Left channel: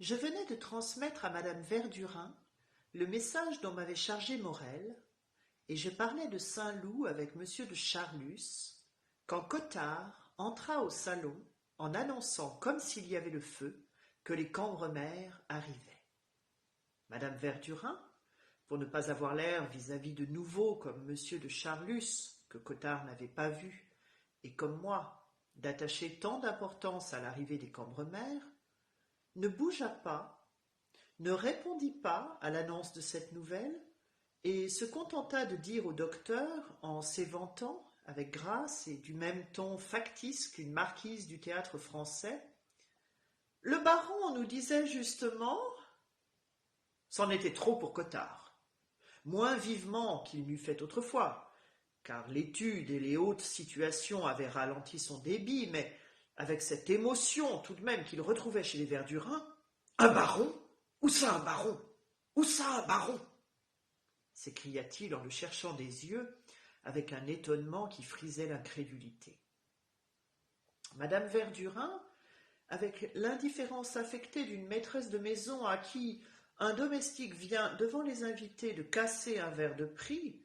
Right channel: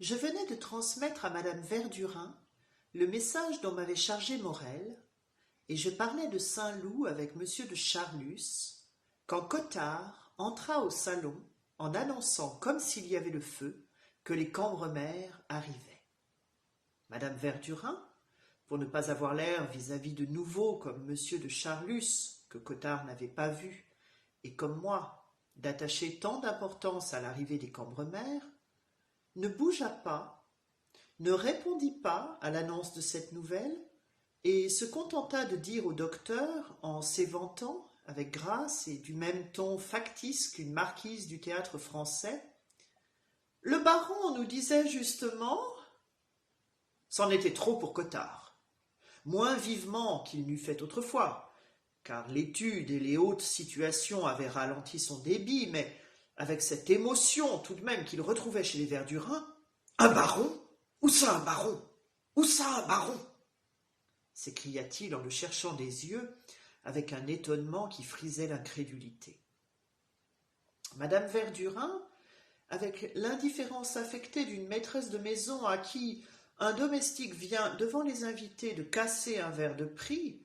Je venais de transmettre à madame Verdurin le message dont m'avait chargé Morel, et je parlais de Saint-Loup avec monsieur de Charlus, quand Cottard entra au salon en annonçant, comme s'il y avait le feu, que les Cambremer arrivaient. Madame Verdurin, pour ne pas avoir l'air vis-à-vis de nouveau comme monsieur de Charlus, que Cottard n'avait pas vu, et comme moi, d'attacher tant d'importance à l'arrivée des Cambremer, ne bougea pas, ne répondit pas à l'annonce de cette nouvelle, et se contenta de dire au docteur, en s'éventant, avec grâce et du même ton factice qu'une marquise du théâtre-français, « Le baron nous disait justement… » C'en était trop pour Cottard, moins vivement qu'il n'eût fait autrefois, car l'étude et les hautes situations avaient ralenti son débit, mais avec cette émotion tout de même qu'il retrouvait chez les Verdurin. « Un baron ? Où ça un baron ? Où ça un baron ?» s'écria-t-il en le cherchant des yeux avec un étonnement qui frisait l'incrédulité. Madame Verdurin, avec l'indifférence affectée d'une maîtresse de maison à qui un domestique vient devant les invités de casser un verre de prix,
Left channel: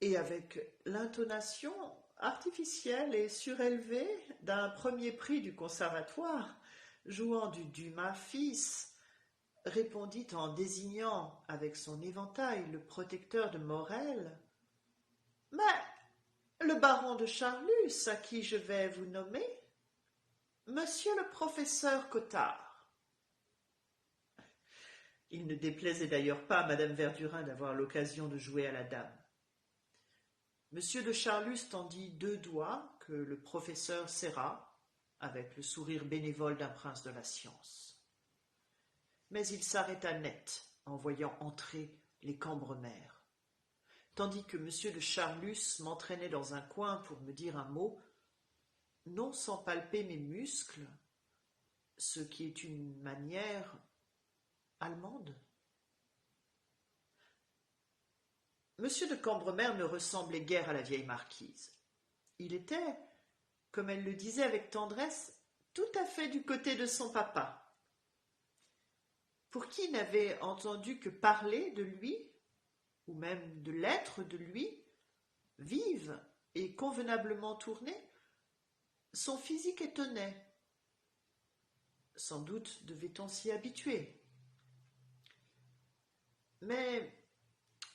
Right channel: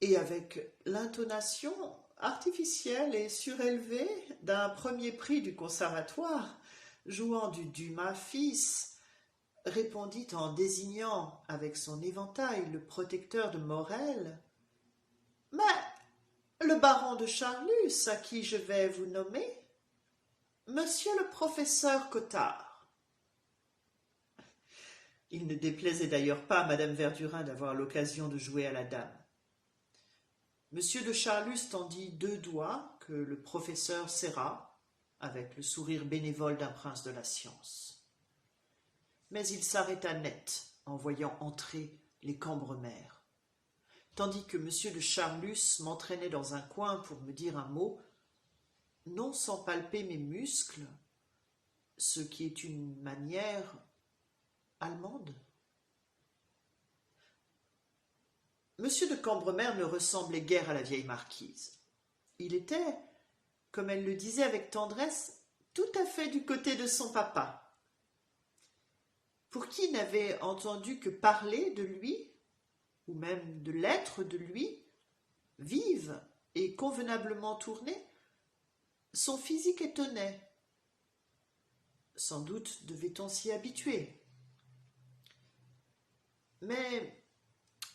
et avec l'intonation artificielle et surélevée d'un premier prix du conservatoire, jouant du Dumas fils, répondit en désignant avec son éventail le protecteur de Morel. « Mais le baron de Charlus, à qui je vais vous nommer, monsieur le professeur Cottard. » Il ne déplaisait d'ailleurs pas à madame Verdurin d'avoir l'occasion de jouer à la dame. Monsieur de Charlus tendit 2 doigts que le professeur serra, avec le sourire bénévole d'un prince de la science. Mais il s'arrêta net en voyant entrer les Cambremer, tandis que monsieur de Charlus m'entraînait dans un coin pour me dire un mot, non sans palper mes muscles, ce qui est une manière allemande. Monsieur de Cambremer ne ressemblait guère à la vieille marquise. Il était, comme elle le disait avec tendresse, tout à fait du côté de son papa. Pour qui n'avait entendu que parler de lui, ou même de l'être de lui, vive et convenablement tournée, son physique étonnait. Sans doute devait-on s'y habituer. Mais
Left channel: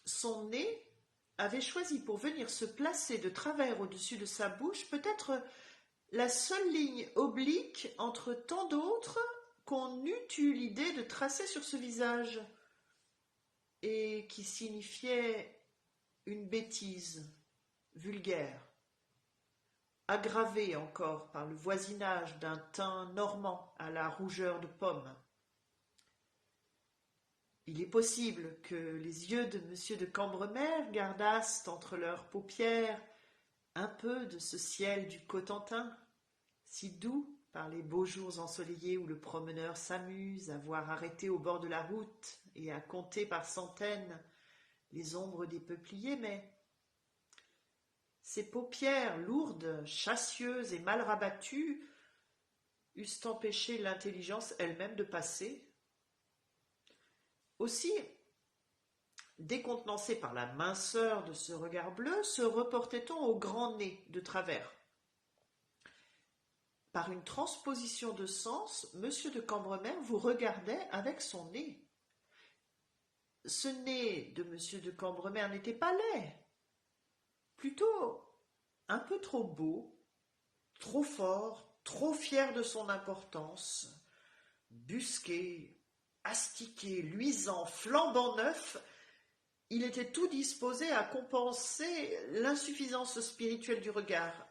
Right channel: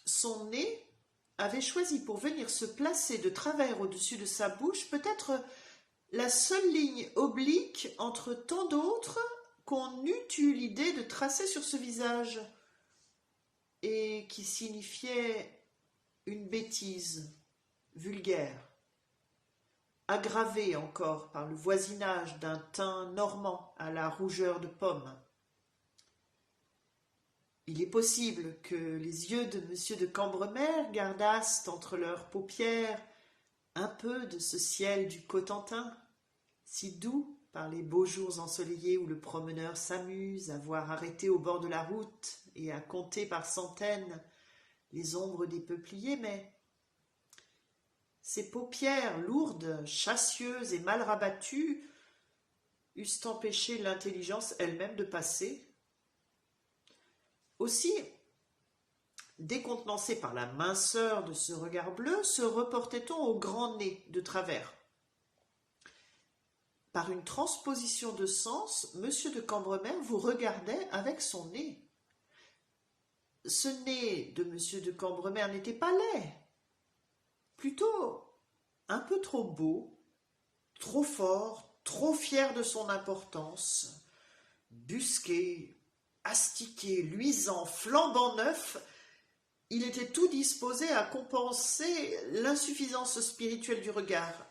son nez avait choisi pour venir se placer de travers au-dessus de sa bouche peut-être la seule ligne oblique entre tant d'autres qu'on eût eu l'idée de tracer sur ce visage, et qui signifiait une bêtise vulgaire, aggravée encore par le voisinage d'un teint normand à la rougeur de pomme. Il est possible que les yeux de monsieur de Cambremer gardassent entre leurs paupières un peu de ce ciel du Cotentin, si doux par les beaux jours ensoleillés où le promeneur s'amuse à voir arrêter au bord de la route et à compter par centaines les ombres des peupliers, mais ces paupières lourdes, chassieuses et mal rabattues eussent empêché l'intelligence elle-même de passer. Aussi, décontenancé par la minceur de ce regard bleu, se reportait-on au grand nez de travers. Par une transposition de sens, monsieur de Cambremer vous regardait avec son nez. Ce nez de monsieur de Cambremer n'était pas laid, plutôt un peu trop beau, trop fort, trop fier de son importance, busqué, astiqué, luisant, flambant neuf, il était tout disposé à compenser l'insuffisance spirituelle du regard.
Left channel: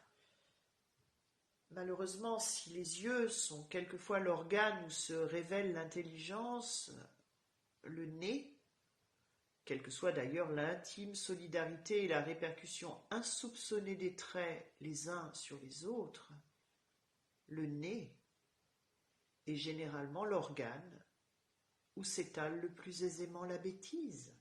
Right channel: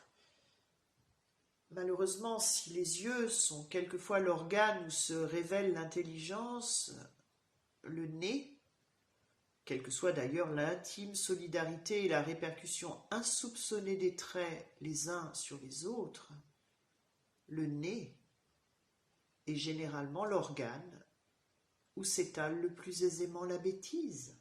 Malheureusement, si les yeux sont quelquefois l'organe où se révèle l'intelligence, le nez, quelle que soit d'ailleurs l'intime solidarité et la répercussion insoupçonnée des traits les uns sur les autres, le nez est généralement l'organe où s'étale le plus aisément la bêtise.